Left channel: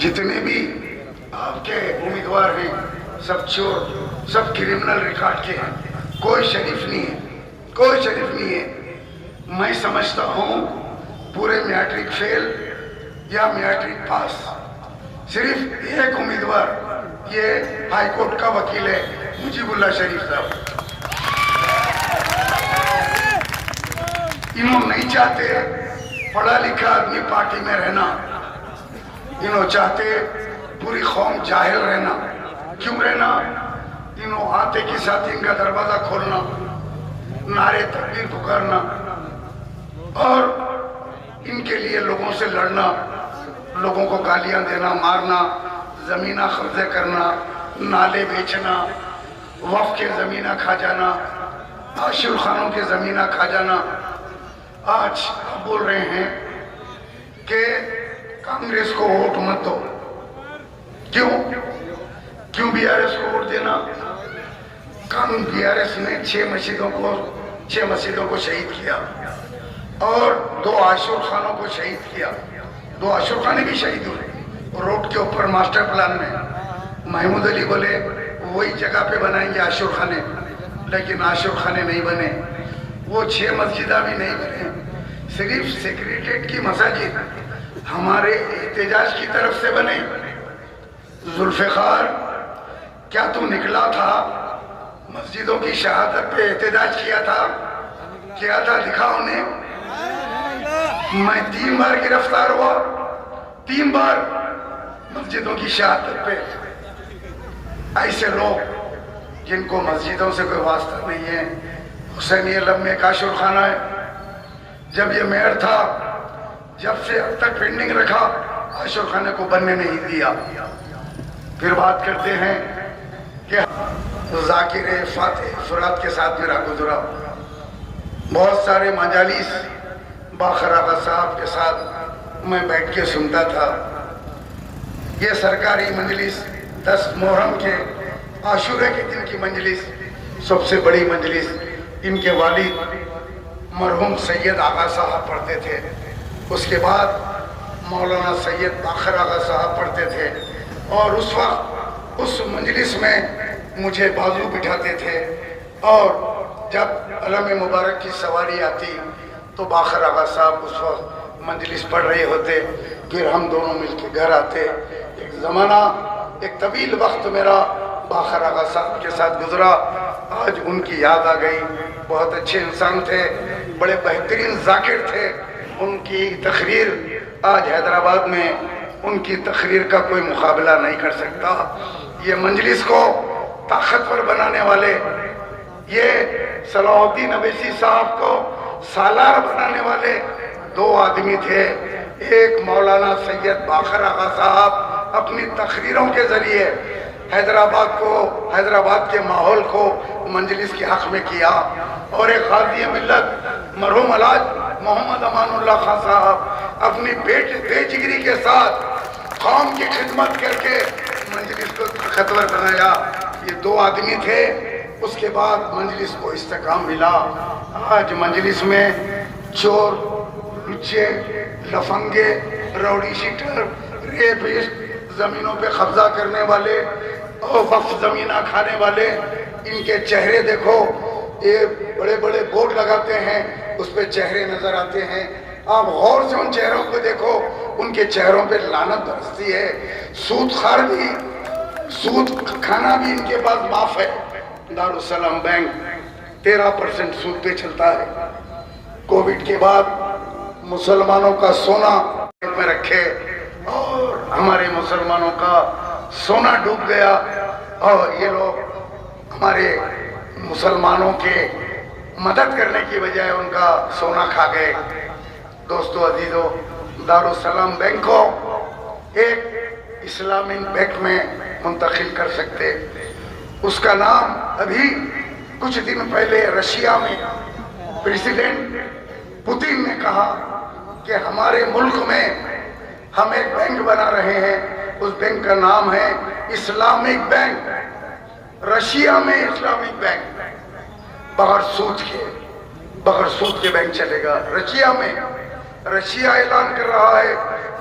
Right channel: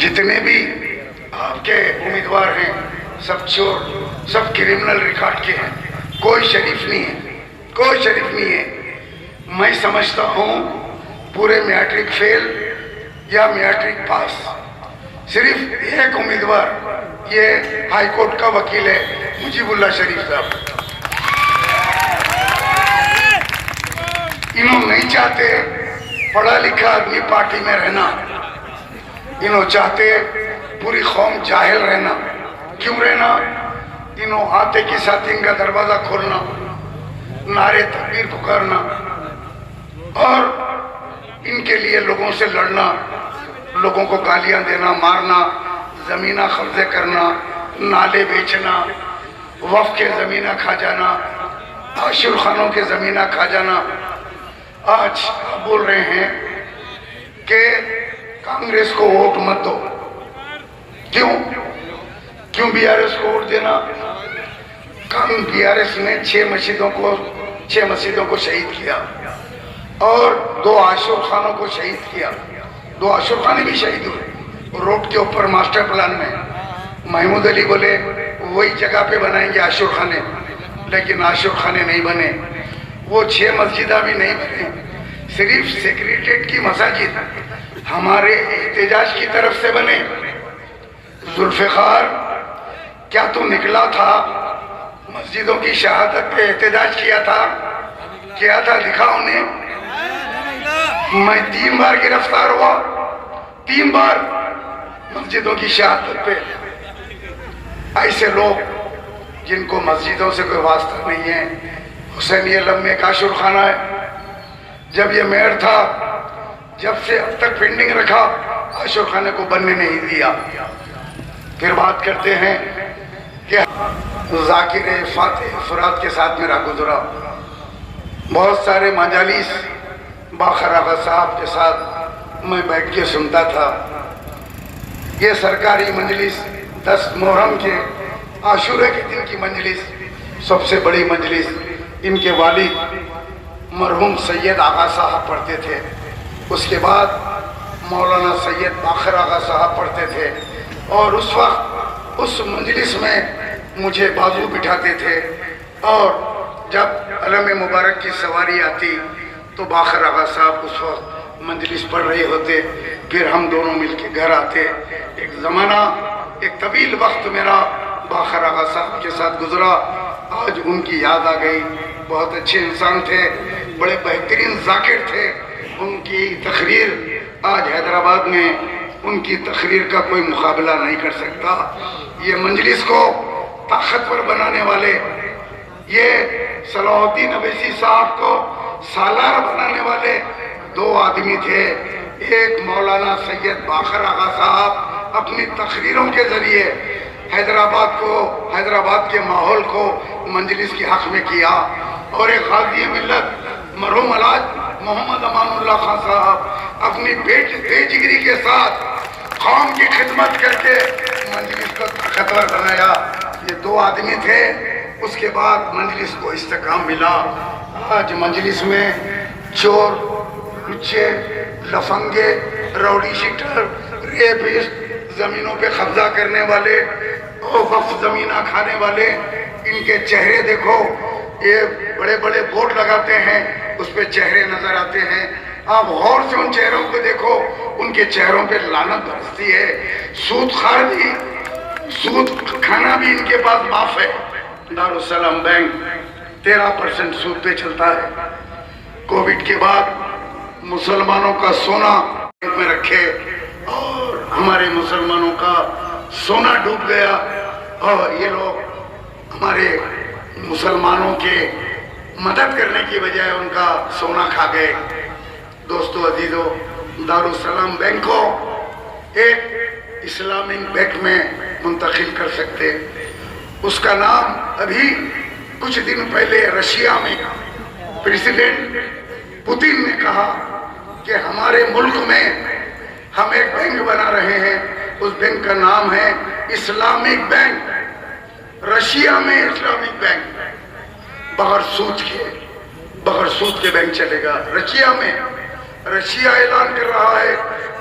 جتنے بھی آپ کے امیدوار ہیں سب چور، سب کرمنل ریکارڈ کے ہیں، کوئی شریف نہیں ہے، کوئی شریف نہیں ہے۔ میں سمجھتا ہوں پورے میٹرک فیل یا میٹرک پاس صرف ایک امیدوار یہ ہائی کورٹ کا وکیل ہے مجیب اللہ شریف صاحب۔ انہوں نہیں چاہتے پڑھا لکھا آدمی پارٹی میں رہنا، انہوں چاہتے پوری قوم جاہل رہنا۔ کیوں رہنا؟ انہوں آتے کی ساتھ ان کا دروازہ کھولنا، نعرے تکبیر پکارنا اور ان کے لیے لوگوں سے لڑنا، لوگوں کو گالیاں دینا، مارنا، زمینہ قبضے کرنا، نالے بیچنا، وقف کے زمینہ کھا جانا، عاشور خانوں کے زمینہ کھا جانا۔ آج آپ بول رہے ہیں کہ کانگریس کو ووٹ مت دو۔ کیوں بی آر ایس کو ووٹ دینا؟ بی آر ایس نے 6 مسجدوں کو شہید کیا اور 2 عاشور خانوں کو شہید کیا۔ 2 عاشور خانے بھی شہید ہوئے روڈ کے اوپر ماسٹر پلان میں۔ محمود علی بولے وہی جگہ پہ بنائیں گے عاشور خانے، لیکن عاشور خانے نہیں بنے، وہ 6 مسجدہ بھی نہیں بنے۔ صرف سیکریٹریٹ کی مساجد ہمارے احتجاج کی طرف سے بنے۔ ذوالفقار کیا تو نکلا تھا مسجدوں کی شہادت پہ احتجاج کیا تھا دکھا انہیں۔ میں 3 بار گرفتار ہوا، 3 بار مسجدوں کی شہادت پہ۔ ایسے لوگ جن کو مسجدوں سے کوئی واسطہ نہیں ہے۔ حسینی علم میں ایک عاشور خانہ ہے، جب یہ میئر تھا جب سے اب تک پینڈنگ رکھا، عاشور خانے کو بننے نہیں دیا۔ پھر بات کرتے ہیں کہ ذاکر فاتح فرات کے ساتھ میرا گزرا، بہت سارے مجالس باقر آغا صاحب کے ساتھ میں بیٹھ کے سنتا تھا۔ یہ سرکاری مجلس 10 محرم کے عاشورے کے دن کی مجلس سب سے بڑی مجلس ان کے والد مرحوم سید آغا صاحب پڑھتے تھے، اس کے بعد مولانا سید باقر آغا صاحب پڑھتے تھے، اور اس وقت اس مجلس میں مجھے بازو بٹھاتے تھے، اور جب علم مبارک کی سواری آتی تو باقر آغا صاحب اس وقت مجلس پڑھ رہے ہوتے، پھر ہم دونوں مل کے گھر آتے۔ ایک زمانہ، ایک طویل وقت میرا باقر آغا صاحب کے ساتھ گزرا، آج ان کی یاد آ گئی۔ بہت اچھے انسان تھے، بڑے بہترین ذاکر تھے۔ ان کی تقریر آج حیدرآباد میں ان کی تقریر کا کوئی مقابلہ نہیں کر سکتا۔ یہ مجلس کو طاقتور بنانے والے، یہ صلاح الدین اویسی صاحب کو سالار بنانے والے 2 آدمی تھے۔ ایک مولانا سید باقر آغا صاحب اپنی تقریروں کے ذریعے حیدرآباد کے ماحول کو مجلس کے حق میں کیا، اور ایک غازی ملت مرحوم الحاج محمد امان اللہ خان صاحب اپنی بے جگری کے ساتھ قوم کی خدمت کر کے مجلس کو طاقتور بنایا۔ یہ 2 آدمی تھے، اس کے بعد مجلس کو استحکام ملا۔ آج مجلس میں چور، لچے، لفنگے، راؤڈی شیٹر، ریپسٹ، زمینوں پہ قبضہ کرنے والے اور وقف زمینہ کھانے والے، ان کے چہرے دیکھو، یہ بڑے بڑے بورڈ لگاتے ہیں، اس پہ چہرے نظر آتے ہیں۔ آپ غور سے ان چہروں کو دیکھو، ان کے چہروں پہ لعنت برستی ہے۔ سود خار بھی، سود کھانا بھی ان کے پاس معاف ہے۔ دارالسلام بینک 13% سود پہ چلتا ہے۔ کووڈ کے بعد مسلمانوں کا سونا میں رکھے اور ہمارے مسلمانوں کا سونا ڈوب گیا، اور یہ لوگ ہمارے مسلمانوں کے مدد کرنے کی بجائے ان کا سونا کھا گئے۔ دوستو عزیزو، دارالسلام بینک کو ایک اسلامک بینک میں منتقل کر سکتے۔ اس کا نام ابھی کچھ دن پہلے رشیا میں پریزیڈنٹ پوتن نے کہا کہ ہمارے ملک میں ہم ایک بینک بنا رہے ہیں، اس بینک کا نام ہے اسلامک بینک۔ رشیا میں اسلامک بینک بغیر سود کے بینک چلے گا۔ رشیا میں، رشیا اعلان کر رہا ہے